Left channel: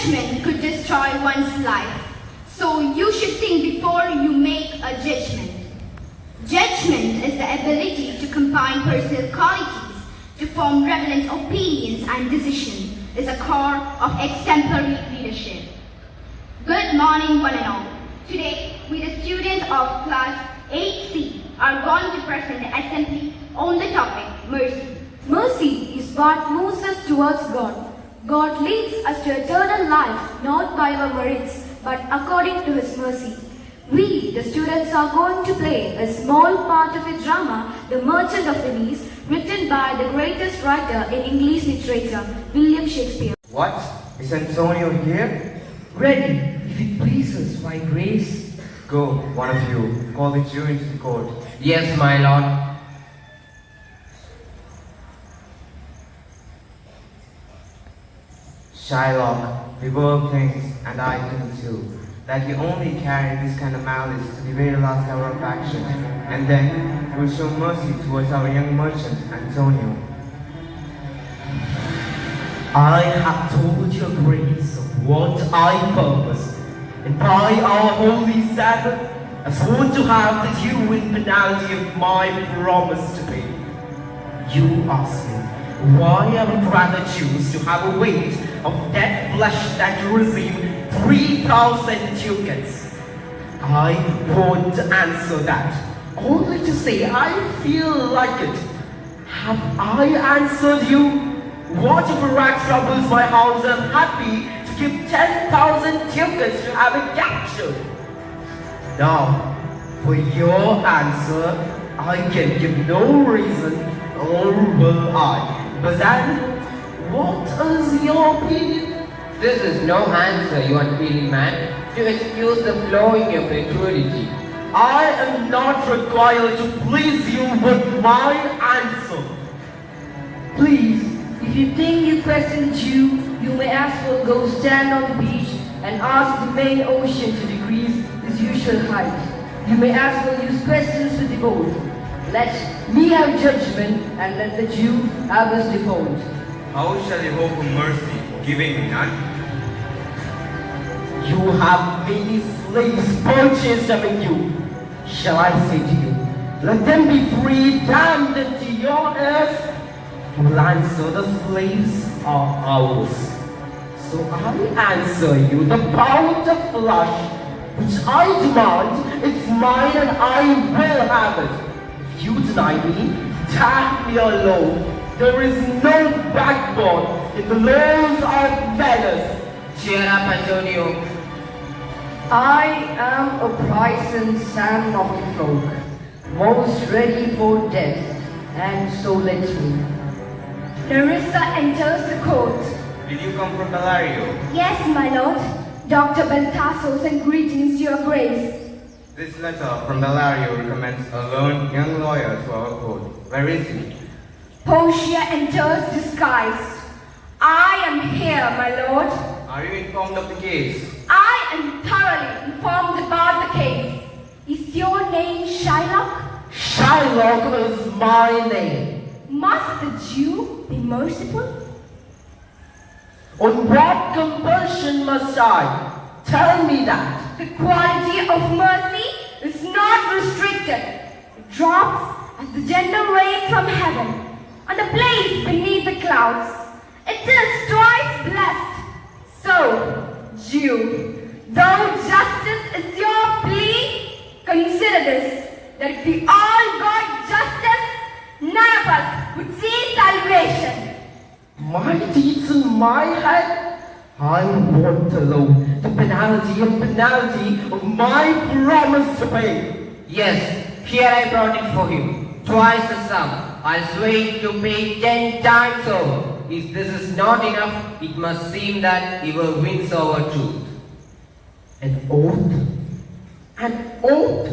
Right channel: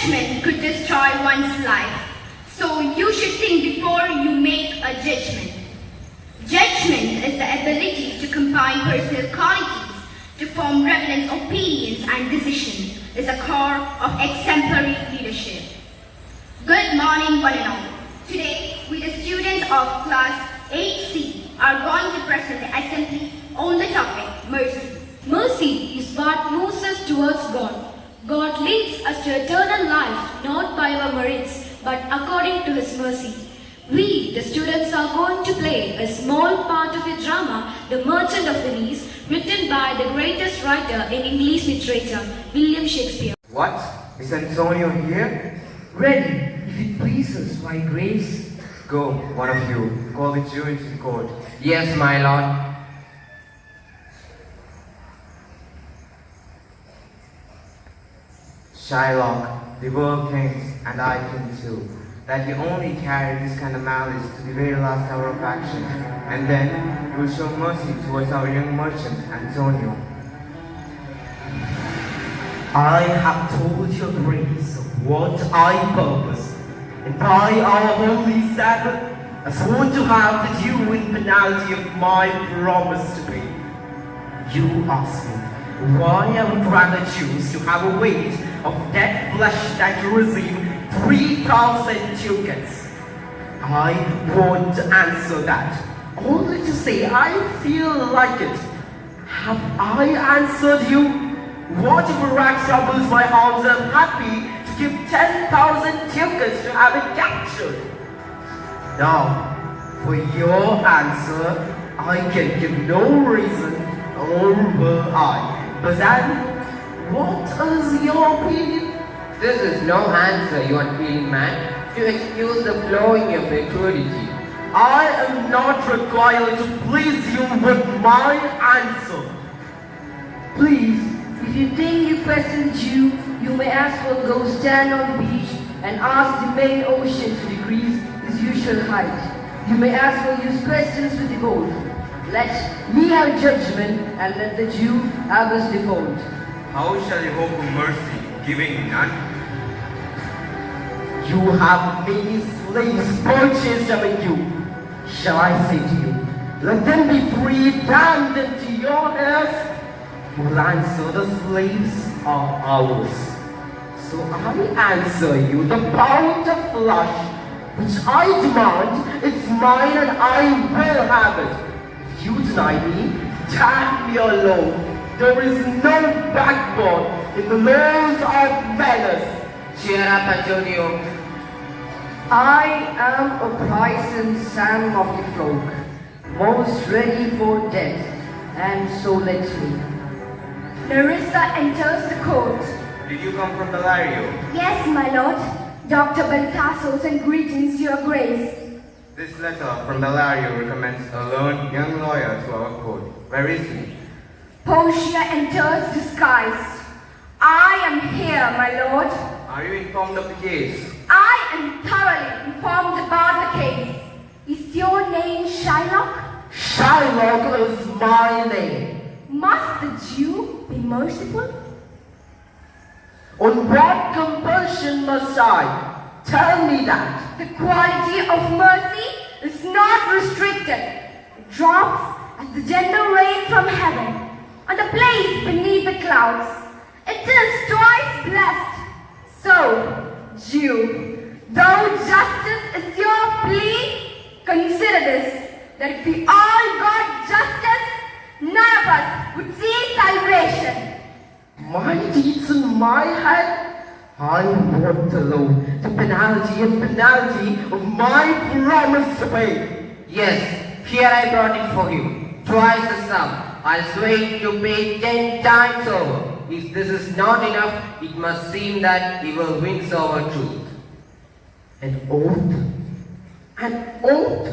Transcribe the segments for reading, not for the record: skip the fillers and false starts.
Judgment could destroy one's life, so you should think before you make a judgment. Judgment is the ability to combine personal qualities to form relevant opinions and decisions. Is a core of exemplary leadership. Good morning, one and all. Today, we the students of class 8C are going to present the assembly on the topic mercy. Mercy is what moves us towards God. God leads us to eternal life not by our merits but according to His mercy. We, the students, are going to play a small part of a drama, The Merchant of Venice, written by the greatest writer in English literature, William Shakespeare. What? Is Antonio here? Ready, if it pleases by grace. Go, one of you, call the Jew into the court. Yes, my lord. Shylock, the world thinks, and I think too, that you only carry this kind of malice to the very last hour of action, and then you will show mercy towards our young merchant, Antonio. I have told your grace of what I purpose, and by our holy Sabbath, I swore to have the due in penalty of my promise to pay. You ask me why I would rather choose to have a weight of dead flesh than to receive 3,000 ducats. I want to answer that, only to say I feel like it. Have I answered you? What if a rat troubles my house and I'm happy to give 10,000 ducats to have it captured? Now, for your answer, I can give no reason, nor will I. But then, what is your opinion? This is no answer, you unfeeling man, to excuse the flowing of your cruelty. I am not required to please you with my answer. Please, if you think you question the Jew, you may as well go stand on the beach and ask the main ocean to decrease its usual height. You may as well use questions with the boat. Let me have judgment and let the Jew have his default. How shall you hope for mercy, giving none? You have many slaves purchased among you. Shall I say to you, let them be free, damned into your heirs? You will answer, the slaves are ours. So I answer you, the pound of flesh which I demand, it's mine and I will have it. If you deny me, damn me alone. There is no backbone in the laws of Venice. Cheer up, Antonio. I am a Bryson Sam of the folk, most ready for death, and so let me. Larissa enters the court. Did you come from Bellario? Yes, my lord. Dr. Beltasos and greetings to your grace. This letter from Bellario recommends a learned young lawyer to our court. Where is he? Portia enters disguised. I am here, my lord. Are you informed of the case? I am thoroughly informed about the case. Is your name Shylock? Shylock is my name. Must the Jew be merciful? On what compulsion must I? Tell me that. The quality of mercy is not restricted. It drops as the gentle rain from heaven on the place beneath the clouds. It is twice blessed. So, Jew, though justice is your plea, consider this, that if we all got justice, none of us would see salvation. My deeds in my head? I want to know the penalty and penalty of my promise to pay. Yes, here I brought it for him. Twice the sum. I'll swear to pay 10 times over. If this is not enough, it must seem that he will win over truth. An oath? An oath?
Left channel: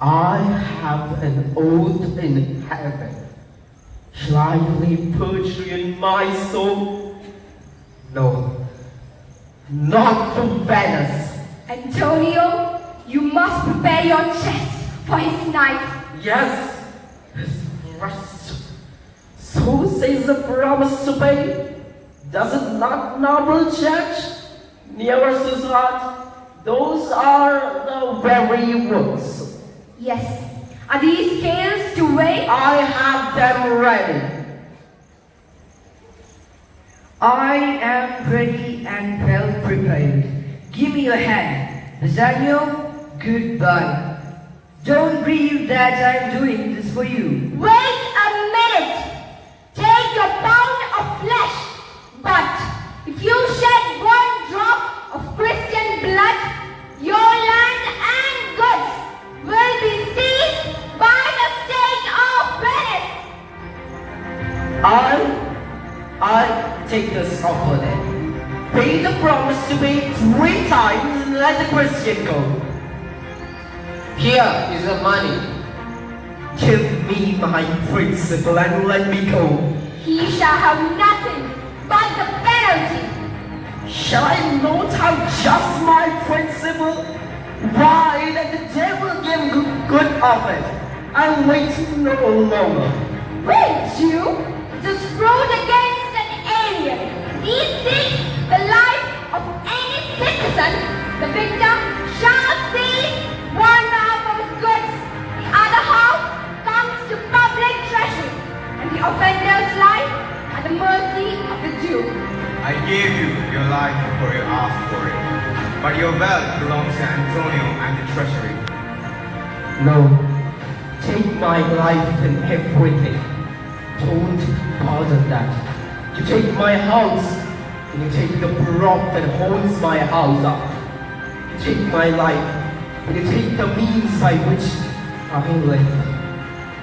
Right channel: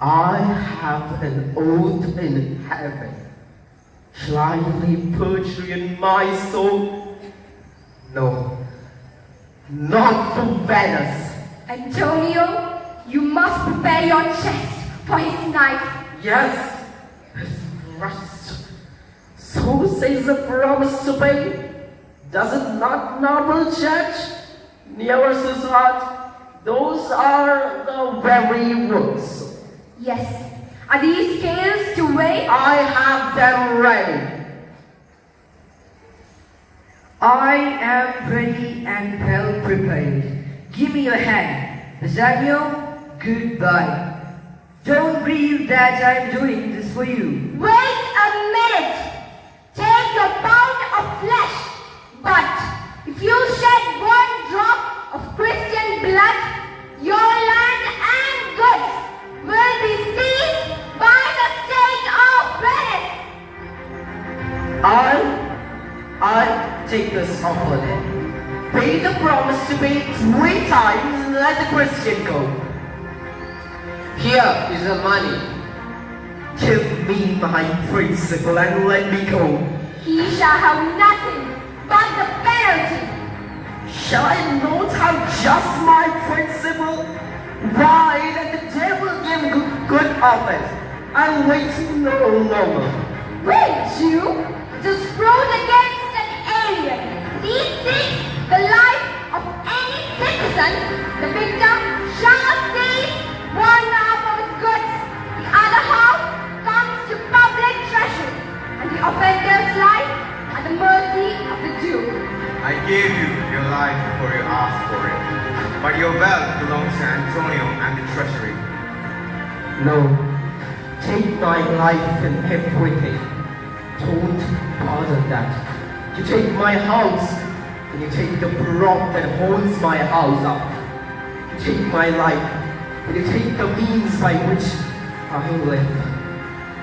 I have an oath in heaven. Shall I lay perjury in my soul? No, not for Venice. Antonio, you must prepare your chest for his knife. Yes, his breast. So says the promise to pay. Does it not noble church? Nearest his heart, those are the very words. Yes. Are these scales to weigh? I have them ready. I am ready and well prepared. Give me your hand. Nathaniel, goodbye. Don't grieve that I'm doing this for you. Wait a minute. Take your pound of flesh. But if you shed one drop of Christian blood, your land and goods will be seized by the state of Venice. I take this offer then. Pay the promise to me 3 times and let the Christian go. Here is the money. Give me my principal and let me go. He shall have nothing but the penalty. Shall I not have just my principal? Why, let the devil give good of it. I'll wait no longer. Wait, you? It is proved against an alien. He seeks the life of any citizen. The victim shall seize one half of his goods. The other half comes to public treasury. And the offender's life at the mercy of the Jew. I gave you your life before you asked for it, but your wealth belongs to Antonio and the treasury. No, take my life and everything. Don't pardon that. You take my house, and you take the prop that holds my house up. You take my life, and you take the means by which I live.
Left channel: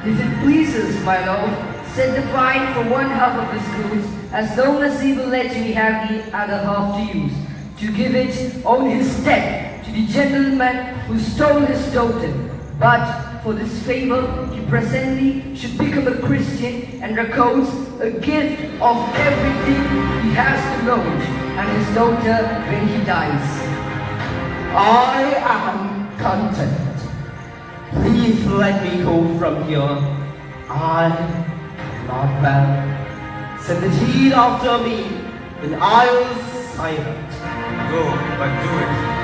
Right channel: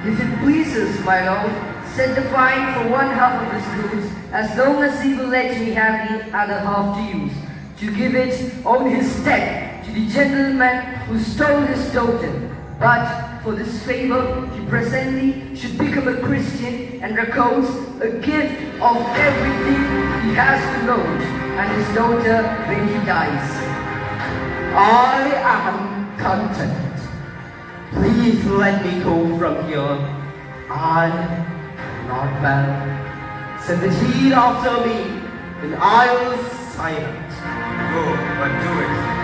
If it pleases, my lord, set the fine for one half of his goods, as long as he will let me have the other half to use, to give it on his death to the gentleman who stole his daughter. But for this favor, he presently should become a Christian and records a gift of everything he has to Lord and his daughter when he dies. I am content. Please let me go from here. I am not well. Send the deed after me, and I will sign it. Go, but do it.